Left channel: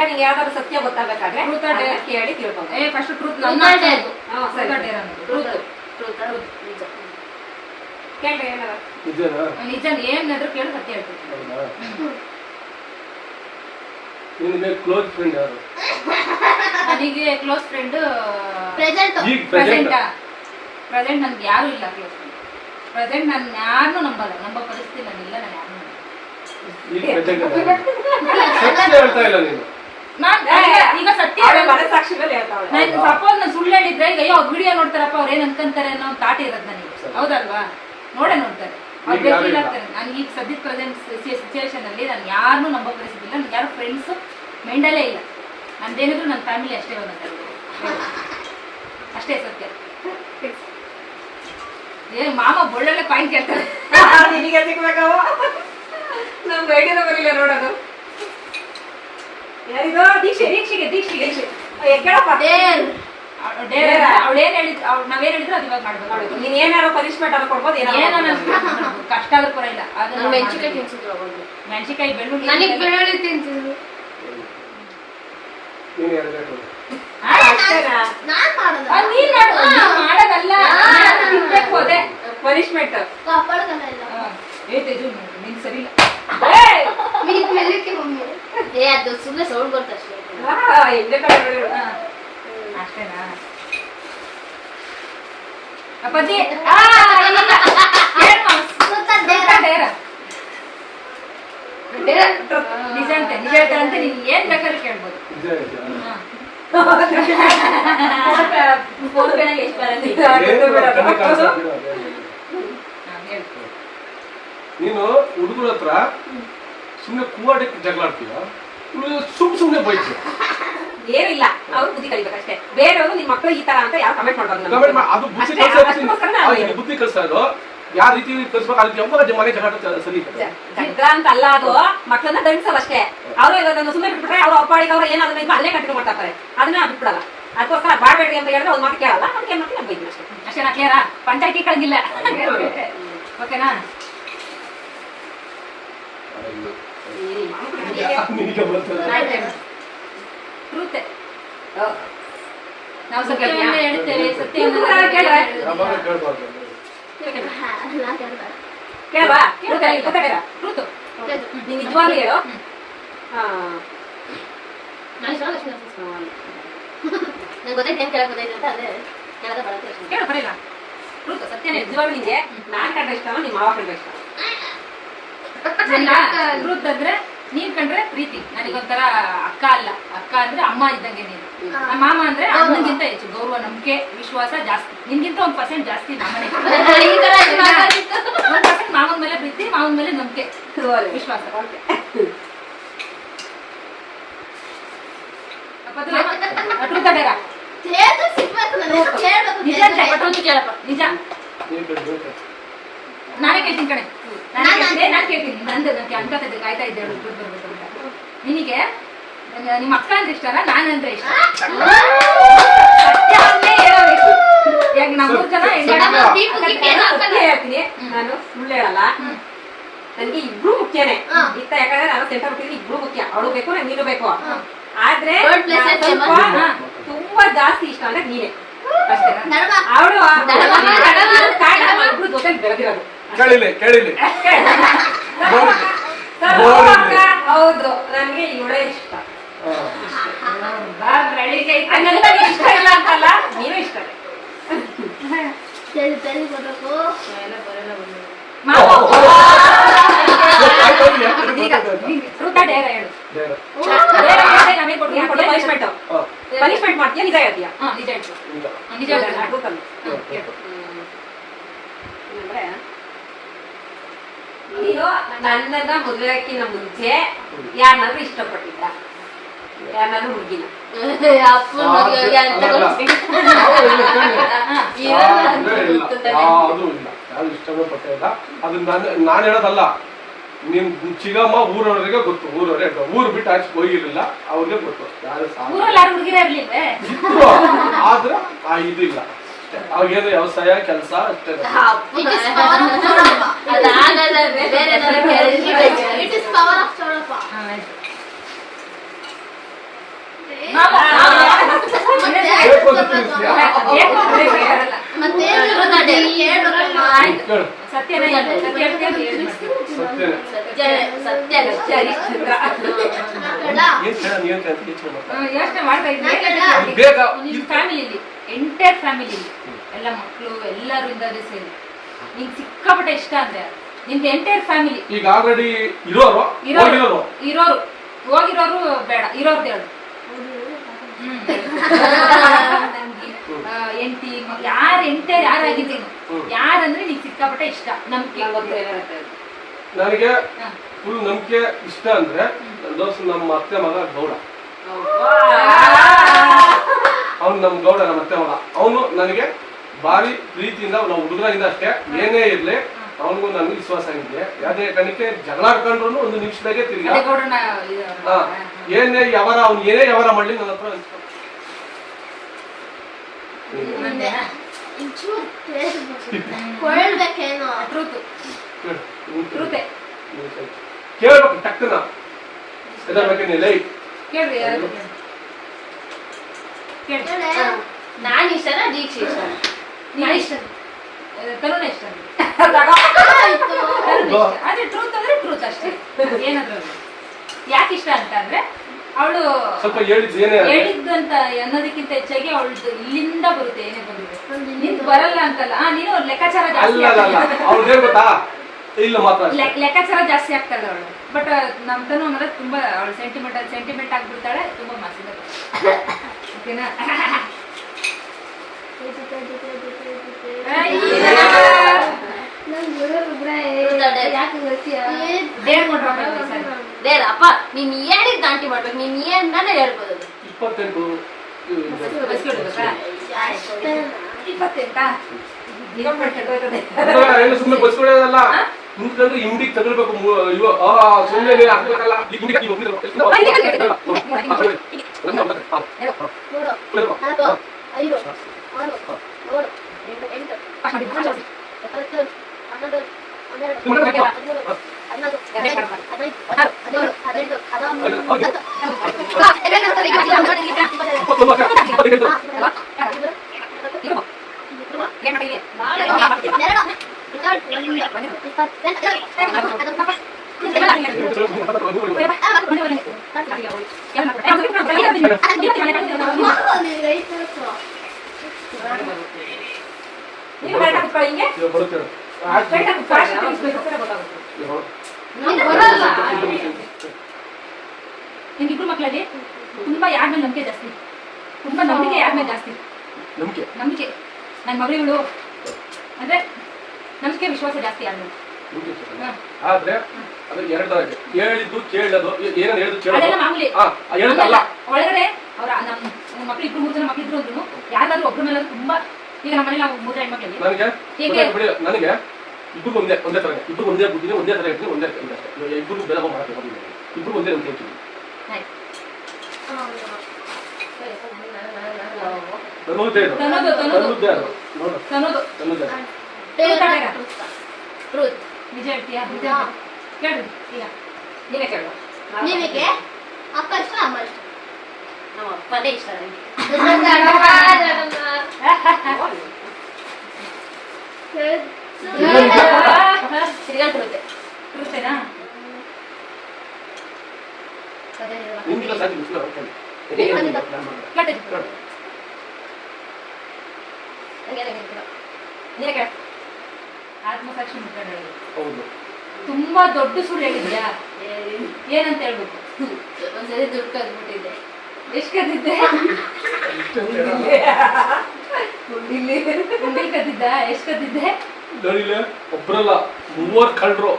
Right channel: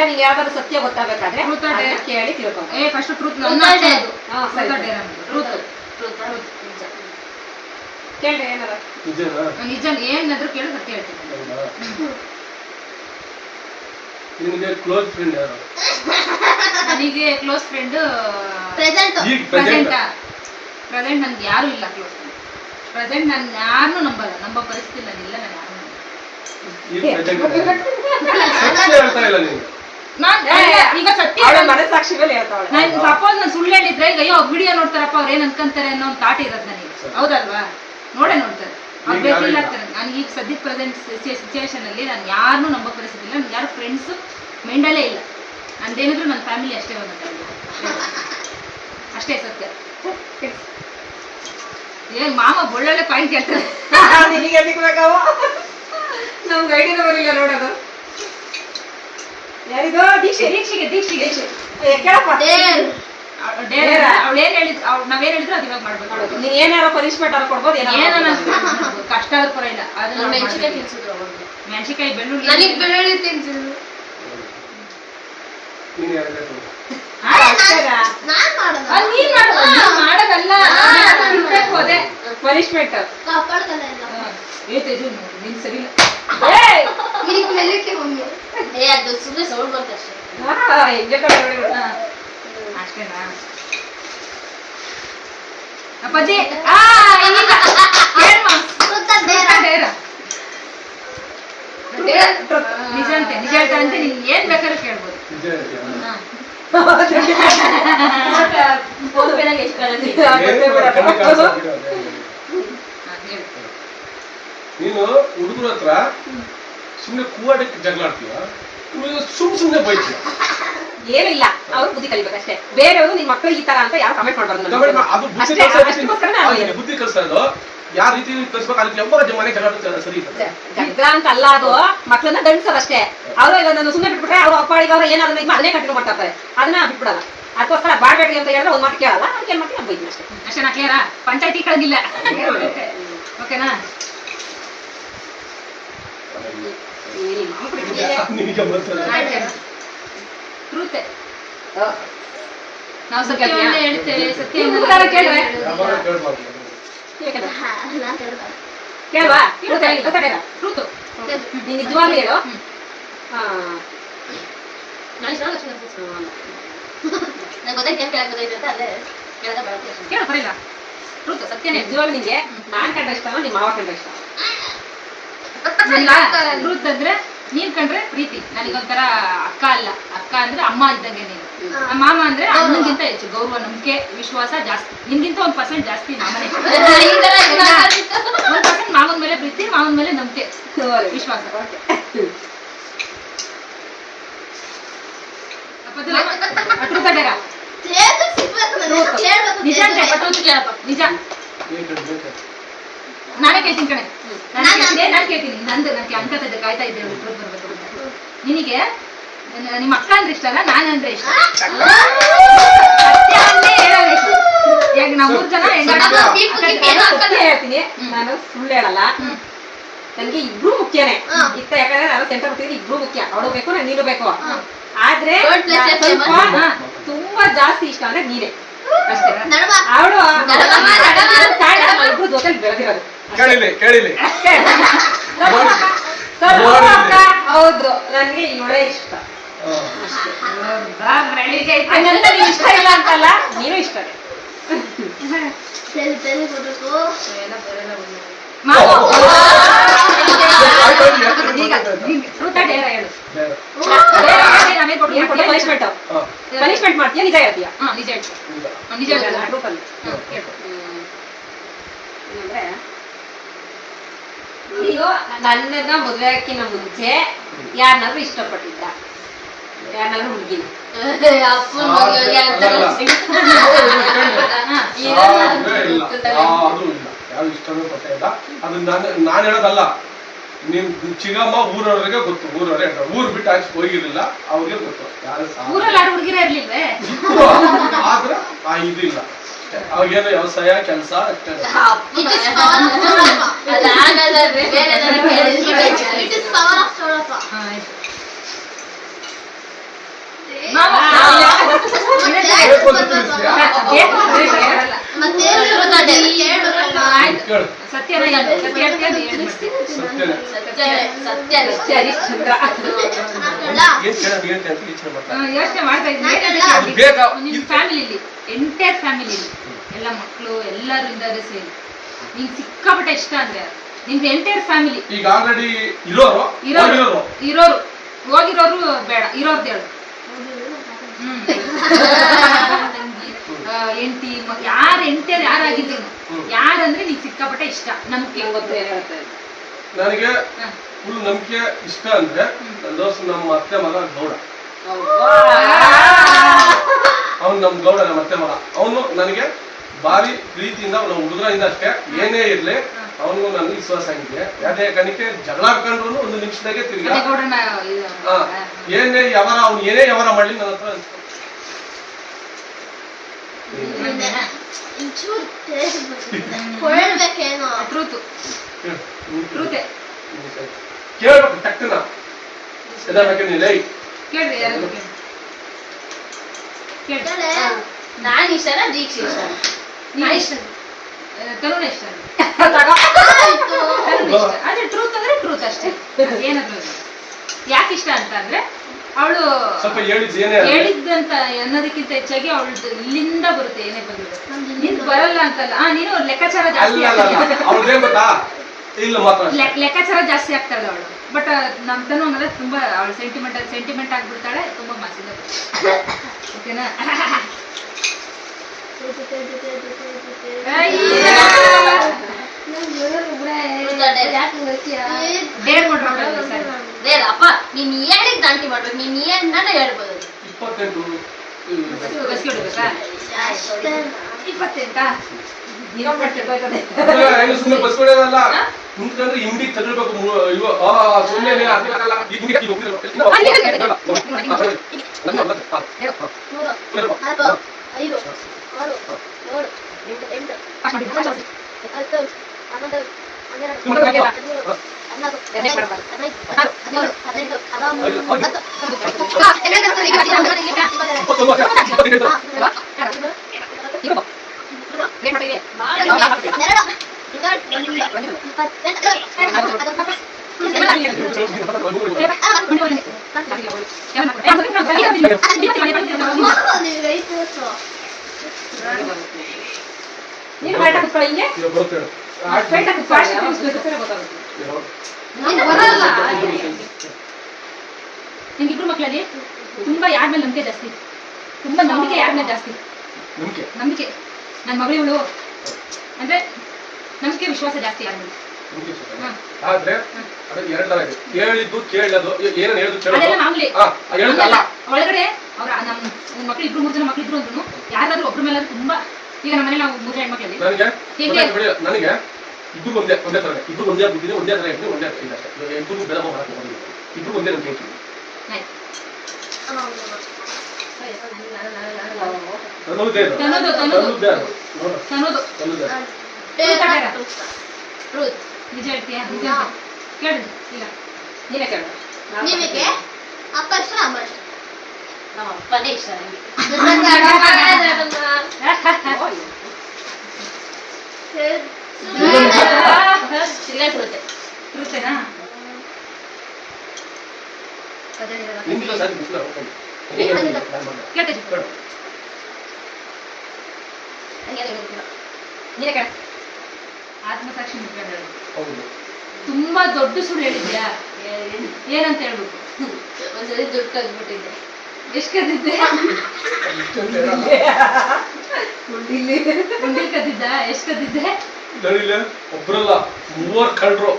ಇಲ್ಲ ನೀನ್ ಯಾವ್ದಾದ್ರು ಸತ್ಯ ಗೊತ್ತಾಗಬೇಕಾದ್ರೆ ಕೇಳಿ ತಿಳ್ಕೊಂಡು ಫಸ್ಟ್ ಟ್ರೂತ್ ಕೇಳ್ರಿ ಏನಾರ ನಿಜ ಏನಾದ್ರು ಕೇಳಿ ಸತ್ಯ ಹೇಳ್ತೀನಿ. ನಿನಗೆ ಕ್ಲೋಸ್ ಫ್ರೆಂಡ್ ಯಾರು? ನನಗೆ ಕ್ಲೋಸ್ ಫ್ರೆಂಡ್ ಪ್ರೆಸೆಂಟ್ ನನ್ಗೆ ಯಾರು ಇಲ್ಲ ಕ್ಲೋಸ್ ಫ್ರೆಂಡ್. ಪ್ರೆಸೆಂಟ್ ನಾನು ಯಾರನ್ನೂ ನಂಬೋ ಪರಿಸ್ಥಿತಿ ನನ್ನಿಲ್ಲ. ನಾನು ಯಾರು ಈಗ ಸತ್ಯ ಸಪೋಸ್ ನಾನು ಸುಳ್ಳು ಹೇಳಿದ್ರೆ ಈಗ ಅಯ್ಯೋ ವಿಡಿಯೋ ನೋಡ್ತಾರಪ್ಪ ಅವ್ರು ಏನ್ ಅನ್ಕೊಂತಾರೆ ಅನ್ನೋ ಒಂದು ಥಾಟ್ ಇರೋದು ನನಗೆ, ಹೌದಲ್ವಾ? ನೋಡ್ತಾರೆ ಅವ್ರು ಫೀಲ್ ಆಗ್ತಾರೆ. ನನಗೆ ಈಗ ಸದ್ಯದ ಪ್ರೆಸೆಂಟ್ ಸಿಚುವೇಶನ್ ಅಲ್ಲಿ ನಾನು ಯಾರನ್ನೂ ನಂಬೋ ಪರಿಸ್ಥಿತಿ ಇಲ್ಲ. ನನ್ಗೆ ಯಾರು ಫ್ರೆಂಡ್ಸು ಮೈಂಡಲ್ಲೇ ಇಲ್ಲ. ನಂದೇನಿದ್ರು ನನ್ನ ಫ್ಯಾಮಿಲಿ ಅಷ್ಟೇ ಅಷ್ಟೇ ಸತ್ಯ. ಏನ್ ಮಾಮ ಒಳ್ಳೊಳ್ಳೆ ಪಾಯಿಂಟ್ ಕೇಳ್ತಾರೆ. ನಮ್ಗೆ ಐಡಿಯಾನ ಬರಲಿಲ್ಲ ನೋಡೋದು. ಯಾರಿಗೋ ದೀಕ್ಷೆಗೆ ಕೇಳಪ್ಪ. ಅವಳೇನ್ ಹೇಳಿದ್ರು ನಾವೇನ್ ಹೇಳಿದ್ರು ಅದು ಇವಾಗ ಮಾಡ್ಬೇಕು. ನೀನ್ ಏನಾರೋ ಪನಿಷ್ಮೆಂಟ್ ಅನ್ನ ಕೊಡ್ಬೋದು. ಕಷ್ಟ ಆದ್ರೂ ಪರವಾಗಿಲ್ಲ. ಅದನ್ನ ಮೆಣಸಿಕಾಯಿ ತಿನ್ಸಿದ್ರು, ಮೆಣಸಿಕಾಯಿ ಬೆಳ್ಳುಳ್ಳಿ ತಿನ್ಸಿದ್ರು. ಮಾಡೋದಲ್ಲ ಅದೇ ಪನಿಷ್ಮೆಂಟ್. ನಿನ್ ಸರಿ ಇಲ್ಲ ಅದು ಸುಮ್ಮನೆ ಸೌಂಡ್ ಬರ್ತಷ್ಟೇ. ಅಷ್ಟೇನಾ ಅಪ್ಪಾಜಿ? ನಿಜ ಹೇಳ್ತಾರಂತೆ. ನೀನ್ ಏನ್ ಬೇಕಾದ್ರೂ ಕೇಳ್ಬೋದು. ನೀನು ಹುಡುಗರ ಹತ್ರ ಸುಮ್ನೆ ಕೂವಾಡಕ್ಕೆ ಜಗಳಾಡ್ತೀಯ, ಸುಮ್ನೆ ಬೈತೀಯ. ಏನಿಲ್ಲ, ಅವ್ರು ಬುದ್ಧಿ ಕಲಿಬೇಕಷ್ಟೇ. ಬೇರೆಯವರು ನಿನ್ ಮಕ್ಕಳು ಈ ತರ ಅಂತ ಯಾರು ಕಮೆಂಟ್ ಮಾಡ್ಬಾರ್ದು. ಅದು ಬುದ್ಧಿ ಕಲಿಸೋದು ಯಾವ ರೀತಿ ಕಲಿಸ್ಬೇಕು. ಅದಕ್ಕೆ ಮನೆ ಜಗಳ ಸರಿ ಜಗಳ ಅಂತ ಅಲ್ಲ, ಅದು ಮಕ್ಕಳನ್ನ ದಂಡಿಸೋದಷ್ಟೇ. ಅವರು ಇದನ್ನು ಸುಮ್ಮನೆ ಬಿಟ್ಬಿಟ್ರೆ ಅವ್ರು ಅಪ್ಪಾಡಿಗೆ ಅವ್ರು ಏನಾದ್ರು ಅದನ್ನೇ ಕಂಟಿನ್ಯೂ ಮಾಡ್ತಾ ಇರ್ತಾರೆ. ಅದನ್ನ ಬಿಟ್ಬಿಡಲ್ಲ. ಅದಕ್ಕೋಸ್ಕರ ಬಾಡ್ಬೇಡ್ರಿ ಅಂತ ಹೇಳಿದ್ರೆ ಒಂದು ಮಾತು ಕೇಳಲ್ಲ. ಅದಕ್ಕೆ ಏನ್ ಮಾಡ್ತೀನಿ ಬೈತೀನಿ ಅಷ್ಟೇ. ಅಷ್ಟೇನಾ? ಕ್ಲಿಯರಾ? ಪಂಚಾಯತಿ ಕಳೆದಿಲ್ಲ. ಓಕೆನಾ? ಟ್ರೂತೆ ನಾವು ಸತ್ಯವನ್ನೇ ಹೇಳ್ತೇವೆ. ಸತ್ಯವನ್ನ ಕೇಳ್ವಾ? ಟ್ರೂತು ನೀನ್ ನಿಜವಾಗ್ಲೂ ಹೇಳು. ನಂಗೆ ಗೊತ್ತಾಯ್ತು ಏನ್ ಕೇಳಕ್ ಗೊತ್ತಾಯ್ತು ಅಂತ. ಅದೇ ಕೇಳದ ಬರಲ್ಲ. ಕೇಳು ಬರೀಲ್ಲ. ಟ್ರೂತು ಸತ್ಯನೇ. ನಿಜವಾಗ್ಲೂ ನಿಂಗೆ ನಾನ್ ಕಂಡ ಇಷ್ಟ ನಿಮ್ಮ ಮಾವ ಕಂಡ ಇಷ್ಟ? ಟ್ರೂತ್ ಅಂದ್ರೆ ನೀನ್ ಕಂಡ್ರೆ ಪ್ರೀತಿ. ನನಗೊಂಥರ ಅಕ್ಕ ಅಲ್ಲ, ಅಕ್ಕ ಅಂದ್ರೆ ಅಮ್ಮ ಇದ್ದಂಗೆ ನೀನು. ಮಾಮ ಅಂದ್ರೆ ಅಣ್ಣಗಿಂತ ಹೆಚ್ಚು ಗೌರವ, ನಂಬಿಕೆ, ವಿಶ್ವಾಸ ಜಾಸ್ತಿ. ನಿನ್ಗಿಂತ 1% ಜಾಸ್ತಿ ಮಾಮನೇ. 1% ಮಾವನ ಮೇಲೆ ಪ್ರೀತಿ, ಮಾವನ ಮೇಲೆ ನಂಬಿಕೆ, ವಿಶ್ವಾಸ. ನಿಜ ನಾನೇ ಕೇಳ್ತೀನಿ ಕಣೆ. ನಾನು ಕೇಳ್ತೀನಿ. ನಂದು ನನಗೆ ಅನ್ಕೋತಿದ್ದೆ, ಕಾಯ್ತಾ ಇದ್ದೆ ಬರ್ಬೇಕು ಅಂತ. ನಿನಗೆ ನಿಮ್ಮ ಅಕ್ಕ ಅಂದ್ರೆ ಇಷ್ಟನ, ನಾನಂದ್ರೆ ಇಷ್ಟ? ಸತ್ಯ ಅಂದ್ರೆ ಹೇಳಬೇಕು. ಈಗ ನಾವು 3 ಜನ ಹೇಳ್ತೀನಿ. ನಾನು ಸುಳ್ಳು ಹೇಳಲ್ಲ. ನನ್ಗೆ ಇಬ್ರು ಮುಖ್ಯನೇ ಇತ್ತ. ಯಾಕಂದ್ರೆ ನಾನು ಸೆಂಟರ್ ಬಿಟ್ಟಿದ್ದೀನಿ. ಇಬ್ರು ಮುಖ್ಯ. ಅವಳು ಬೇಕು, ನೀನು ಬೇಕು. ಆದ್ರೆ ತುಂಬಾ ಜಾಸ್ತಿ ಇಷ್ಟ ಅಂದ್ರೆ ನೀನೇ ಅಷ್ಟೇ. ಅವಳು ಇಬ್ರು ಜೊತೆ ಬೆಳೆದಿರೋದು. ಕೇಳಿಲಿ ಹೌದು, ನನ್ಗೆ ಇವಳೇ ಇಷ್ಟ. ಇಷ್ಟ ಇಲ್ಲ ಅಂತಲ್ಲ, ನೀನು ಇಷ್ಟನೇ. ಪನಿಷ್ಮೆಂಟ್ ಮಾಡ್ತೀಯ? ನಿಜ ಹೇಳ್ತೀಯ? ನಿಜ ಅಂದ್ರೆ ನೀನು ನನ್ನನ್ನ ಮದುವೆ ಹಾಕಿನ ಮುಂಚೆ ಯಾರನ್ನಾದ್ರೂ ಇಷ್ಟಪಟ್ಟಿದ್ದ? ಯಾರನ್ನಾದ್ರೂ ಹುಡುಗಿನ? ಇಷ್ಟನೂ ಪಟ್ಟಿಲ್ಲ. ಅದು ನಾನು ಹೇಳೋದಲ್ಲ. ನಿಮ್ ಚಿಗಮ್ಮ ಊರವರಿಗೆ ಗೊತ್ತು. ಊರು ಬಿಟ್ಟು ಆಚೆ ಹೋಗಿರ್ಲಿಲ್ಲ, ಅವ್ರಿಗೆ ಗೊತ್ತು. ಆದ್ರೆ ಇದಿಲ್ಲ. ಅವಾಗೇನು ವ್ಯವಸಾಯ ಕೆಲಸ ಅಷ್ಟೇ. ಬೇಕು ಅಂತ ತಿಳಿಸ್ತೀಯಾ? ಮತ್ತೆ ಹೇಳ್ಬೇಕಮ್ಮ. ಆಯ್ತು ಕೇಳು. ಸತ್ಯನ ಹೇಳು. ಸತ್ಯ ಹೇಳ್ತೀಯ ಅದು ಹೇಳ್ಬಿಡ್ತೀನಿ. ಸತ್ಯನೇ. ಸತ್ಯ ಹರಿಶ್ಚಂದ್ರ ಏನ್ ಕೇಳ ನೀನ್ ಅಂತ ಯೋಚನೆ ಮಾಡ್ತಾ ಯೋಚನೆ ಮಾಡ್ತಾ ಇದ್ದೀನಿ ಅದು ಬೇಕಾ? ನಿಮ್ ಫ್ಯಾಮಿಲಿಲಿ ಎಂಟೈರ್ ಫ್ಯಾಮಿಲಿಲಿ ಎಲ್ಲ ಮಕ್ಕಳು ಎಲ್ಲರೂ ಇದ್ದಾರೆ ಸೇರಿ ನಿಂಗೆ ಸಿಕ್ಕಾಪಟ್ಟೆ ಇಷ್ಟ ಅಂದ್ರೆ ನಿಮ್ದು ಎಂಟೈರ್ ಫ್ಯಾಮಿಲಿ ಈಗ ಆಲ್ರೆಡಿ ಇರೋರು ಇರೋರು ಹೋಗಿರೋರು ಬೇಡ ಇರೋರ್ದು ಹೇಳು. ಎಂಟಿ ಯಾರು ಎಂಟೈರ್ ಯಾರಾಗಿದ್ರು ಯಾರಂದ್ರೆ ನಿಂಗೆ ಸಿಕ್ಕಾಪಟ್ಟೆ ಇಷ್ಟ ನಂಬಿಕೆ ನನಗೆ ಫುಲ್ ನಂಬಿಕೆ ಇಷ್ಟ ಅಂದ್ರೆ ನನ್ನ ದೋಸ್ತ ನಮ್ಮ ಅತ್ತೆ ಮಗ ಗೌಡ. ಅವ್ನು ನಮ್ ಗೌಡ ನಮ್ಮ ಅತ್ತೆ ಮಗ. ಅವನು ನನಗೆ ಭಾರಿ ಪ್ರೀತಿಯಿಂದ ನಾವು ಹುಡುಗರಿಂದ ಅಷ್ಟೇ ಏನೇ ಇರ್ಲಿ ಅವನಿಗೂ ನನಗೆ ವಿಶ್ವಾಸ ಆಗಿದೆ. ಯಾವ್ದೇ ಕಣಿಕೆ ಜಗಳ ಹಾಕೊಂಡ್ರು ಒಂದು ನಿಮಿಷದಾಗೆ ತಿರ್ಗಾ ಏನೇ ಯಾವಾರ ಅವ್ನು ಏನೇ ಯಾವಾರ ಮಾಡ್ಲಿ ನನ್ನ ಹತ್ರ ಟ್ರೂತ್ ಟ್ರೂತೆ ಕೇಳ್ಬೇಕು ಟಕ್ಕನ ಎದಬೇಕೇನೆ ಲೈ ಕೇಳ್ರಿ ಯಾರು ಕೇಳ್ರಿ ನಾನು ಇಷ್ಟನಾ ದೀಕ್ಷೆ ಇಷ್ಟ ನೀನು ಇಷ್ಟ ತರುಣ ಇಷ್ಟ ಆದ್ರೆ ಟ್ರೂತ್ ಅಂದ್ರೆ ಟ್ರೂತ್ ಅಷ್ಟೇ ಏನಾದ್ರು ಯಾಕೆ ಇಷ್ಟ ಅಂತ ಅಂದ್ರೆ ಅವಳು ಸ್ವಲ್ಪ ಹೇಳಿದ್ದೇನೆ ಹೇಳಿದ್ದಂತ ಅನ್ನೋದಕ್ಕಿಂತ ಹೆಚ್ಚಾಗಿ ಅವಳದು ಇಲ್ಲಿಂದ ಬರುತ್ತೆ ಏನೇ ಬಂದಿದೆ ನಿಂದು ಬರಲ್ಲ ಅಂತಲ್ಲ ನೀನು ಲೆಕ್ಕಾಚಾರ ಜಾಸ್ತಿ ಅವ್ರದೇ ಗೊತ್ತಾ ಇಲ್ಲ ಮಾತ್ರ ಲೆಕ್ಕಾಚಾರ ಜಾಸ್ತಿ ಆಗ್ತಾರಲ್ಲ ಅವಳು ಬಟ್ ನಮ್ ತನು ಅನ್ನೋದು ತುಂಬಾ ಅವಳು ಸೆಂಟಿಮೆಂಟ್ ಆಗ್ಬಿಡ್ತಾಳೆ ತುಂಬಾ ಮಾಸಿದ ಓಕೆನಾ ಅಪ್ಪ ನೀನ್ ಹೇಳಿದ್ ದಾಂಟಿ ಮಾಡ್ಬೇಕು ನೀನ್ ಏನಾನ ಹೇಳ್ಬೋದು 28 ಸುಮ್ಮನೆ ಬಸ್ಕೊಳ್ಳೋದಲ್ಲ ಮುಂದ್ಕಂದ್ರೆ ಹಿಂಡಿ ತಗೊಳ್ಬೇಕು ಸುಮ್ಮನೆ ಆಗ್ಬೇಕಲ್ಲ ನೀನು ಬೈಟ ಕುತ್ಕೊಳ್ಳಿ ಹಿಂಗೆ ಬೈಟ ನಿಮ್ಗಿಬ್ರು ಮಕ್ಕಳಲ್ಲಿ ತುಂಬಾ ಯಾರ ಮೇಲೆ ನಂಬಿಕೆ ಜಾಸ್ತಿ ತುಂಬಾ ನಂಬಿಕೆ ಯಾರ ಮೇಲೆ ಜಾಸ್ತಿ ನಂಬಿಕೆ ನನ್ನ ಮಗಳು ಅಂದ್ರೆ ನಂಬಿಕೆ ವಿಶ್ವಾಸ ಜಾಸ್ತಿ ಯಾರ ಮೇಲೆ ಆದ್ರೆ ಎರಡರಾಗಿ ಹೇಳಿದ್ದು ಕೇಳೋದು ಏನೇನು ಹೇಳಿದ್ದು ಅದೆಲ್ಲ ಮಾಮೂಲಿ ಹೇಳಲ್ಲ ಒಳಗಡೆ ಅವ್ರ ನಮ್ಮ ಮಕ್ಳು ಇಬ್ರು 3 ಜನ ಮಕ್ಳು ಇದ್ರು ಅಂದ್ರು ಯಾರಾದ್ರೂ ಒಬ್ರ ಮೇಲೆ ತುಂಬಾ ಈಗ ನಮ್ಮ ಮನೇಲಿ ನಾವು 3 ಹೆಣ್ಮಕ್ಳಲ್ಲಿ ನನಗೆ ಇಬ್ರು ಒಂದೇ ತರನೇ ಇಬ್ರು ಒಂದೇ ಬುದ್ಧಿನೇ ಒಂದೇ ತರ ಇರ್ತೀನಿ ಒಂದೇ ಇಬ್ರು ಬೆಲೆ ಮಾಡಕ್ಕೆ ಇಬ್ರು ಒಂದೇ ಅಂತ ಹೇಳ್ತೀನಿ ನಿಜ ಹೇಳ್ತೀಯಾ ನಿಜ ಕೇಳ್ರಿ ಈಗ ನೀವೇ ಕೇಳು ನಿಮಗೆ ಅಪ್ಪ ಇಷ್ಟ ಅಮ್ಮ ಇಷ್ಟ ನಮ್ಮ ಅಪ್ಪನೇ ಇಷ್ಟ ತಿರ್ಗಾಟಿರುತ್ತೆ ಇರುತ್ತೇನಾ ನೀವೇ ಕೇಳ ಆತ್ಮಸಾಕ್ಷಿ ಮುಖಂಡ ತುಂಬಾ ದೊಡ್ಡ ಸುಳ್ಳು ಹೇಳಿದ್ಯಾ ಏನಂತ ಹೇಳ್ಬೇಕು ಒಂದ್ಸರಿ ದುಡ್ಡು ಕದ್ಬಿಟ್ಟಿದ್ದೆ ಎಷ್ಟು ಕದ್ದಿದ್ದೆ ಉಂಡಿಲ್ ಕದ್ದಿದ್ದ ಎಷ್ಟು ಕದ್ದಿದ್ದೆ ಒಬ್ರಲ್ಲ 3 ಕಂಡ್ರು